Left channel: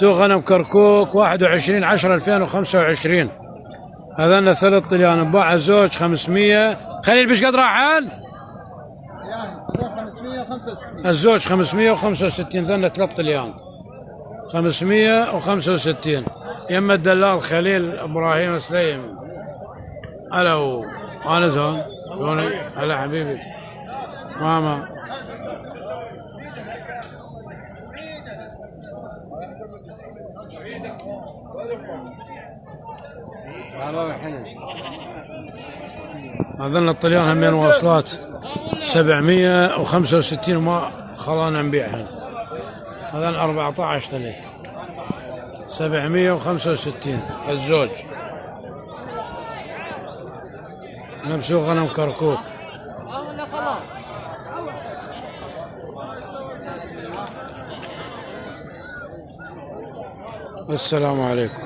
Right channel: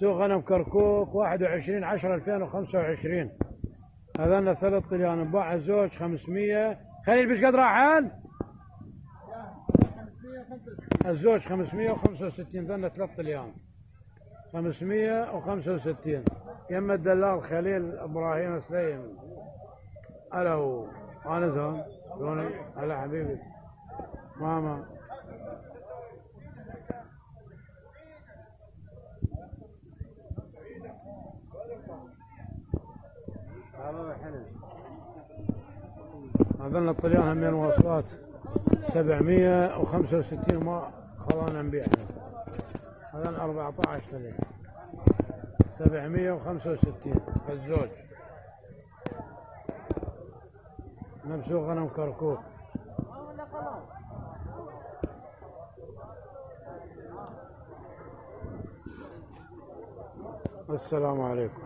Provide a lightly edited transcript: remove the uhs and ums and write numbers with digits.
سوق غنم كركوك 21/10/2025. هذا 3 طليان باع الزوج 500. خليل بيش قد راحل؟ الزوج 565. ذن 3 طليان 565. يما الدلال خليل ابراهيم سليم. الو انا زون شلونك؟ هلا حبيبي ماما. هذن الطليان همين واصلات 765 وما خلانا نبيعهن. هذن 14 طلي 765 الزوج. نمسوق غنم كركوك. السلام عليكم.